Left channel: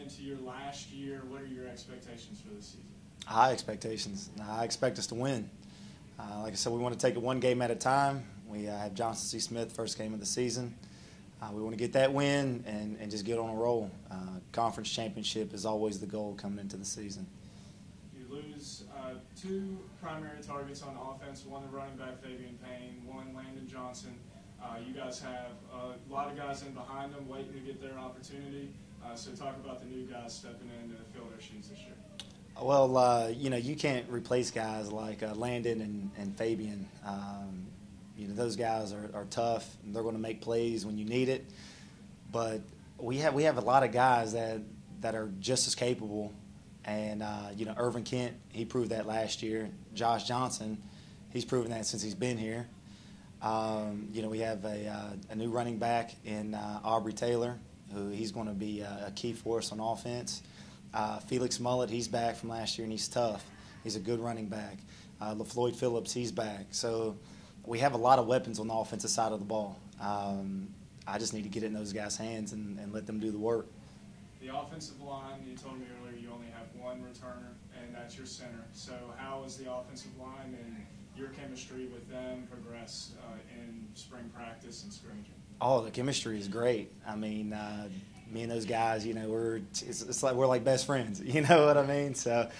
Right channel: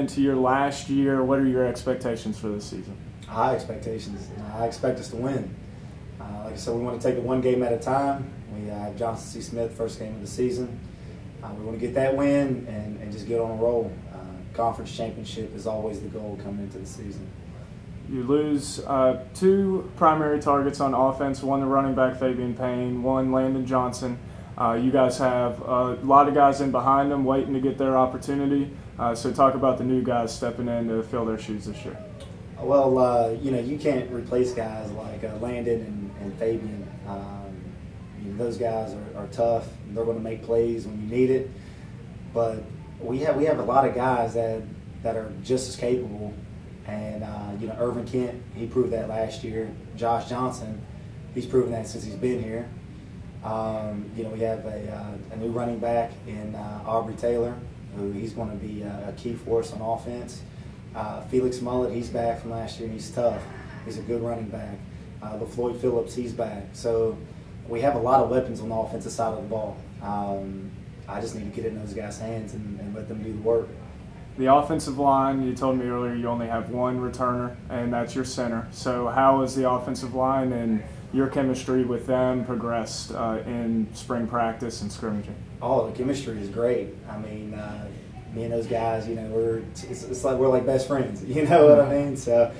into your last year. What are your expectations for this season? High expectations. I expect us to win. Like I said, we want to take it one game at a time. We have Johnson C. Smith first game of the season. We want to get that win and just get on a roll. Conference championship is always the goal coming into the season. You lose two primary targets on offense, one the running back Fabian Payne, one Landon Johnson. You guys have a lot of guys in behind them waiting to get their opportunity. So talk about the new guys stepping in to fill their shoes this year. Well, you can't replace guys like Landon and Fabian. Those guys are tough. They're going to make plays when you need it. But we have a lot of guys that are just as capable. And, Irvin Kent, he proved that last year. Josh Johnson, he's proven that since he's been here. We have a new running back in Aubrey Taylor, who he's going to be a key for us on offense. Felix Mullet, he's back from last year, and he's tough. He's a good running back. LaFloyd Phillips, he's back. So we have a lot of weapons on the offensive side of the ball. I just need to get in those guys' hands and let them do the work. The offensive line, you told me earlier you only have one returner, and that's your center. So how has the offensive line and your chemistry with them progressed in spring practice and scrimmaging? Oh, the chemistry is great. I mean, me and those guys, it's like we're like best friends. You know what I mean? So,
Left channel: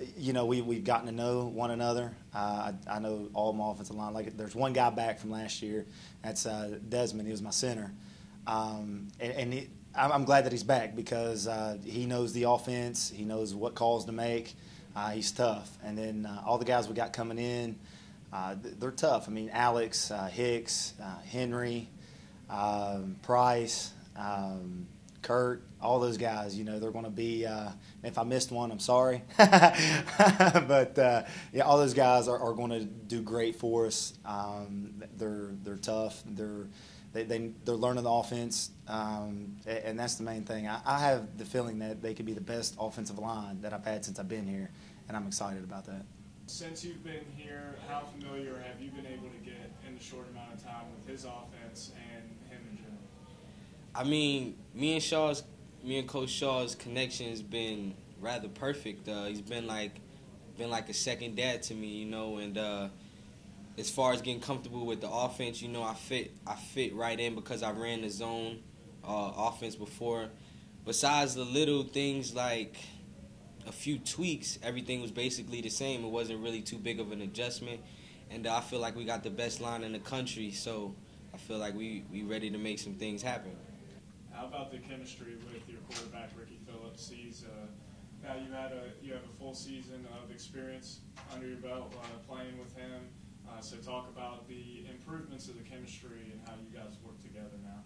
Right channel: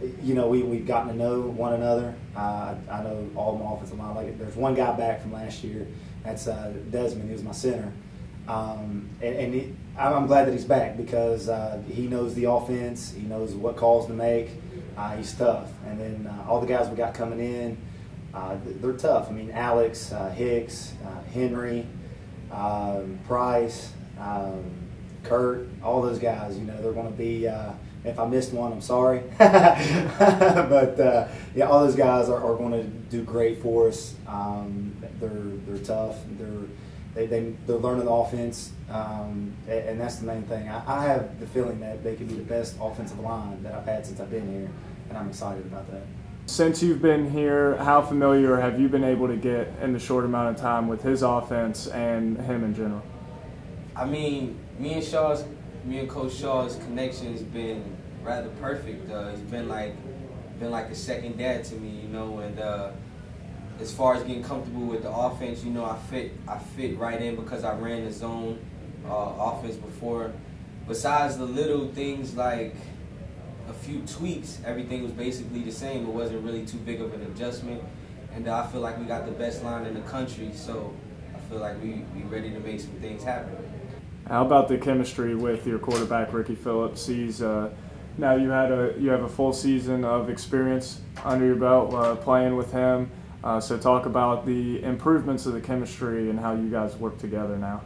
we've gotten to know one another. I know all my offensive line. Like, there's one guy back from last year. That's Desmond. He was my center. I'm glad that he's back because he knows the offense. He knows what calls to make. He's tough. And then all the guys we got coming in, they're tough. I mean, Alex, Hicks, Henry, Price, Kurt, all those guys, they're going to be if I missed one, I'm sorry. But all those guys are going to do great for us. They're tough. They're learning the offense, and that's the main thing. I have the feeling that they can be the best offensive line that I've had since I've been here, and I'm excited about that. Since you've been here, how familiar have you been able to get in the short amount of time with his offense and him in general? I mean, me and Coach Shaw's connection has been rather perfect. He's been like a second dad to me, and as far as getting comfortable with the offense, I fit right in because I ran the zone offense before. Besides the little things like a few tweaks, everything was basically the same. It wasn't really too big of an adjustment, and I feel like we got the best line in the country, so I feel like we ready to make some things happen. How about the chemistry with your quarterback, Ricky Phillips? He's now you have a full season of experience under your belt playing with him. So talk about the improvements of the chemistry and how you guys work together now.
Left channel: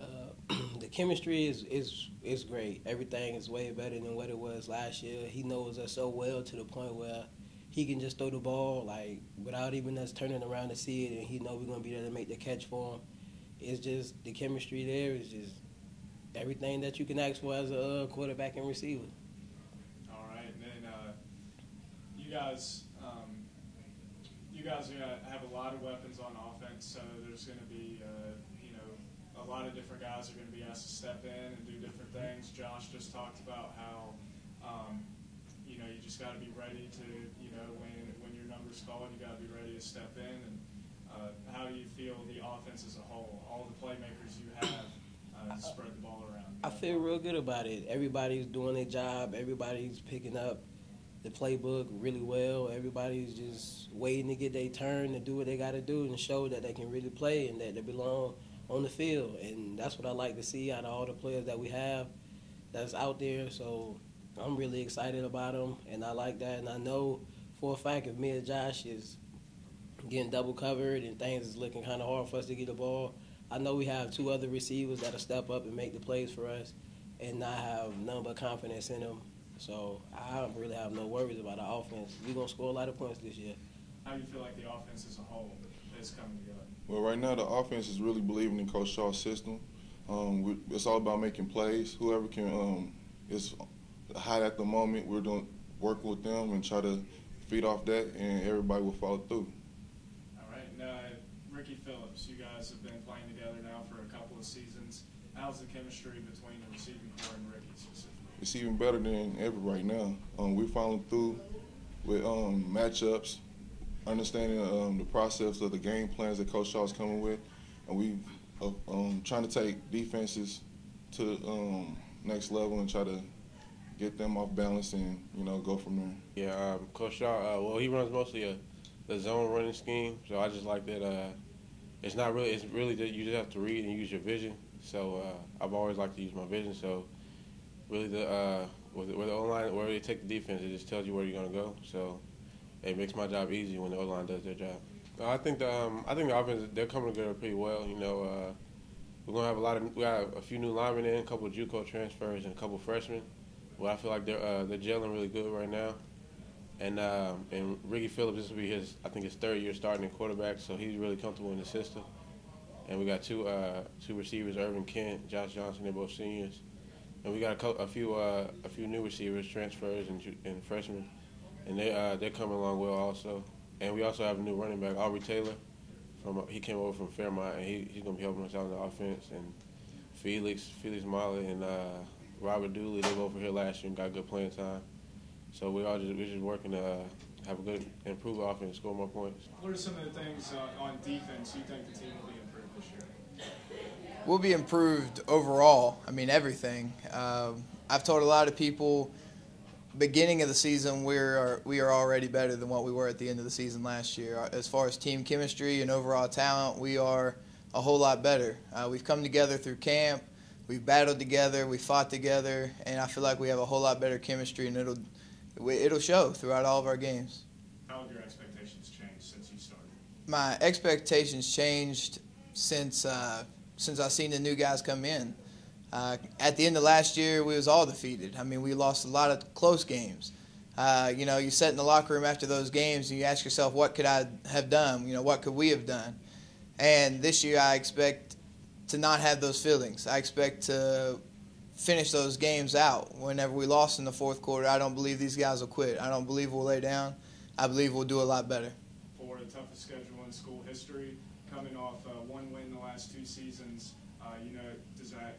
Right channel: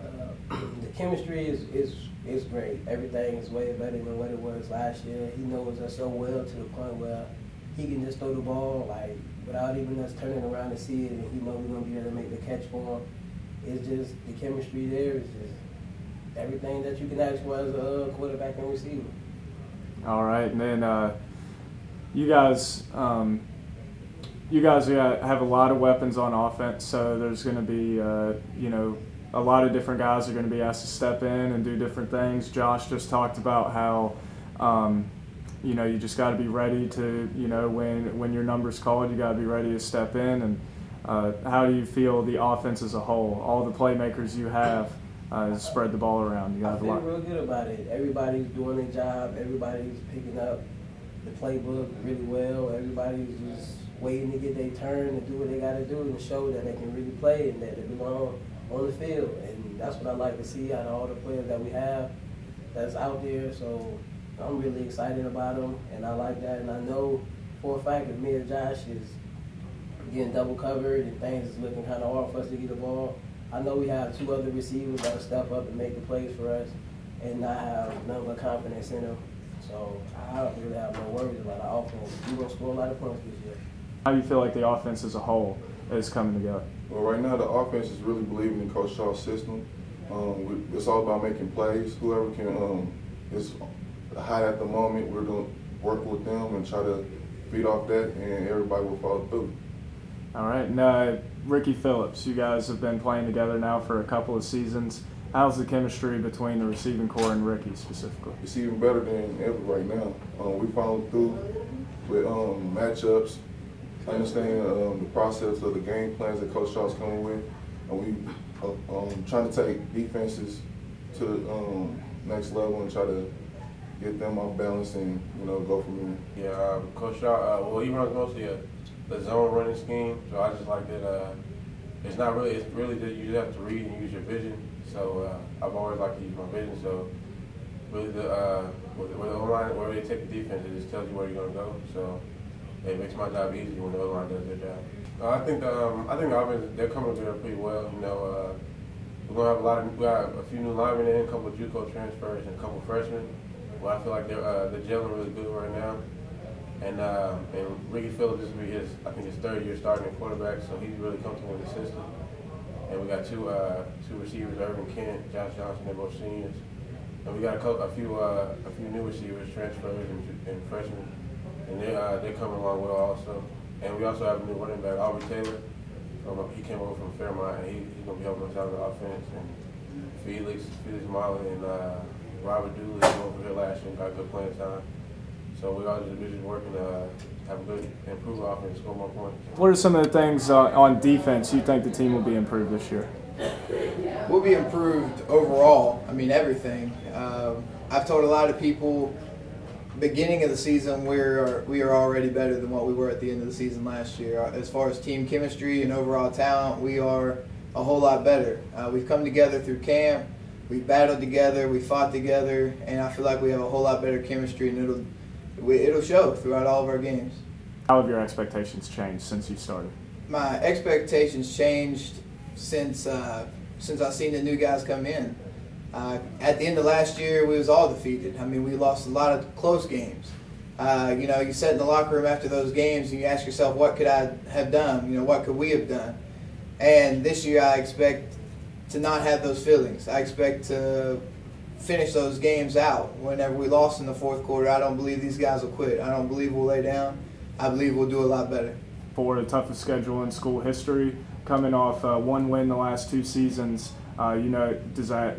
The chemistry is great. Everything is way better than what it was last year. He knows us so well to the point where he can just throw the ball without even us turning around to see it, and he knows we're going to be there to make the catch for him. It's just the chemistry there is just everything that you can ask for as a quarterback and receiver. All right, and then you guys have a lot of weapons on offense, so there's going to be, a lot of different guys are going to be asked to step in and do different things. Josh just talked about how, you just got to be ready to, when your number's called, you got to be ready to step in. And how do you feel the offense as a whole, all the playmakers you have, spread the ball around? I feel real good about it. Everybody's doing their job. Everybody's picking up the playbook really well. Everybody's just waiting to get their turn and do what they got to do and show that they can really play and that they belong on the field. And that's what I like to see out of all the players that we have that's out there. So I'm really excited about them, and I like that. And I know for a fact if me and Josh is getting double covered and things is looking kind of hard for us to get the ball, I know we have two other receivers that'll step up and make the plays for us, and I have none but confidence in them. So I don't really have no worries about the offense. We're going to score a lot of points this year. How do you feel like the offense as a whole is coming together? Well, right now the offense is really believing in Coach Shaw's system. It's all about making plays. Whoever can is hot at the moment, we're going to work with them and try to feed off that, and everybody will follow through. All right. Now, Ricky Phillips, you guys have been playing together now for a couple of seasons. how's the chemistry between the receiving core and Ricky specifically? It's even better than ever right now. We followed through with matchups, understanding the process of the game plans that Coach Shaw's coming with, and we trying to take defenses to the next level and try to get them off balance and go from there. Yeah, Coach Shaw, well, he runs mostly the zone running scheme, so I just like that. It's really that you just have to read and use your vision. So I've always liked to use my vision. So really, with the O-line, where they take the defense, it just tells you where you're gonna go. So it makes my job easy when the O-line does their job. I think the offense, they're coming together pretty well. We're gonna have we got a few new linemen in, a couple of JUCO transfers, and a couple of freshmen. Well, I feel like they're gelling really good right now. And Ricky Phillips, this will be his third year starting at quarterback, so he's really comfortable with the system. And we got two receivers, Irvin Kent, Josh Johnson, they're both seniors. And we got a few new receivers, transfers and freshmen, and they're coming along well also. And we also have a new running back, Aubrey Taylor. He came over from Fairmont, and he's gonna be helping us out on the offense. And Felix Molly and Robert Dooley came over here last year and got good playing time. So we're all just working to have a good, improve offense, score more points. What are some of the things on defense you think the team will be improved this year? We'll be improved overall. I mean, everything. I've told a lot of people, beginning of the season, we are already better than what we were at the end of the season last year. As far as team chemistry and overall talent, we are a whole lot better. We've come together through camp. We've battled together. We fought together, and I feel like we have a whole lot better chemistry, and it'll show throughout all of our games. How have your expectations changed since you started? My expectations changed since I've seen the new guys come in. At the end of last year, we was all defeated. I mean, we lost a lot of close games. You sit in the locker room after those games and you ask yourself, what could I have done? What could we have done? And this year, I expect to not have those feelings. I expect to finish those games out. Whenever we lost in the fourth quarter, I don't believe these guys will quit. I don't believe we'll lay down. I believe we'll do a lot better. For the toughest schedule in school history, coming off one win the last 2 seasons, do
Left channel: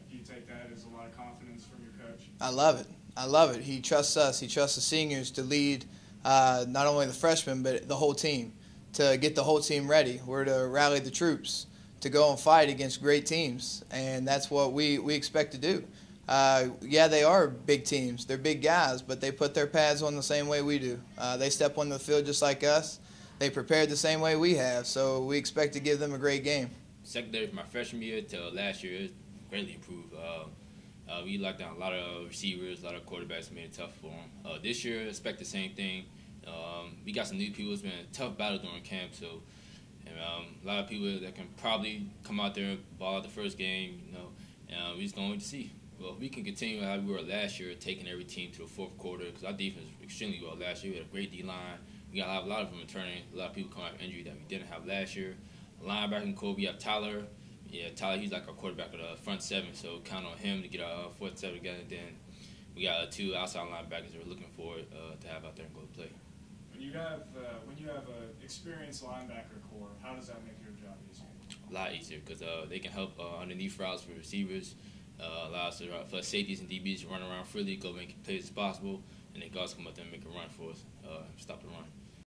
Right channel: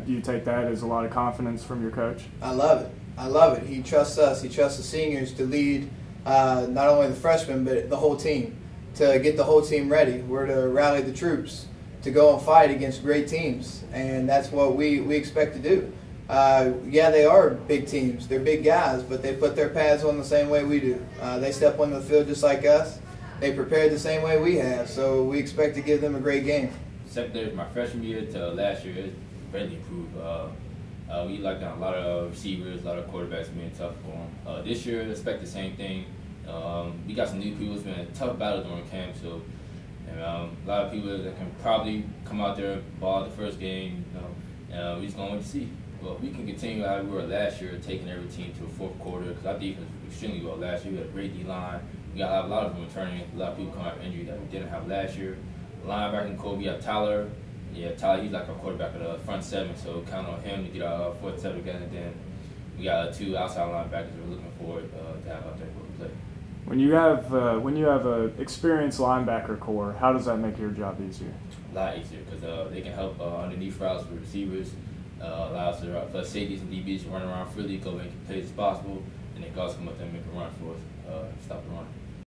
you take that as a lot of confidence from your coach? I love it. I love it. He trusts us. He trusts the seniors to lead not only the freshmen but the whole team, to get the whole team ready. We're to rally the troops to go and fight against great teams, and that's what we expect to do. Yeah, they are big teams. They're big guys, but they put their pads on the same way we do. They step on the field just like us. They prepared the same way we have, so we expect to give them a great game. Secondary from my freshman year to last year, it really improved. We locked down a lot of receivers, a lot of quarterbacks being tough for them. This year, expect the same thing. We got some new people. It's been a tough battle during camp, so a lot of people that can probably come out there, ball the first game. We just going to see. Well, we can continue how we were last year, taking every team to a fourth quarter, because our defense was extremely well last year. We had a great D-line. We got a lot of them returning. A lot of people come out of injury that we didn't have last year. Linebacker core, we have Tyler. Yeah, Tyler, he's like our quarterback of the front seven, so count on him to get our fourth seven again. And then we got 2 outside linebackers we're looking forward to have out there for play. When you have a experienced linebacker core, how does that make your job easier? A lot easier because they can help underneath routes for receivers. Allows for safeties and DBs to run around freely, go make plays as possible, and they can also come up there and make a run for us, stop the run.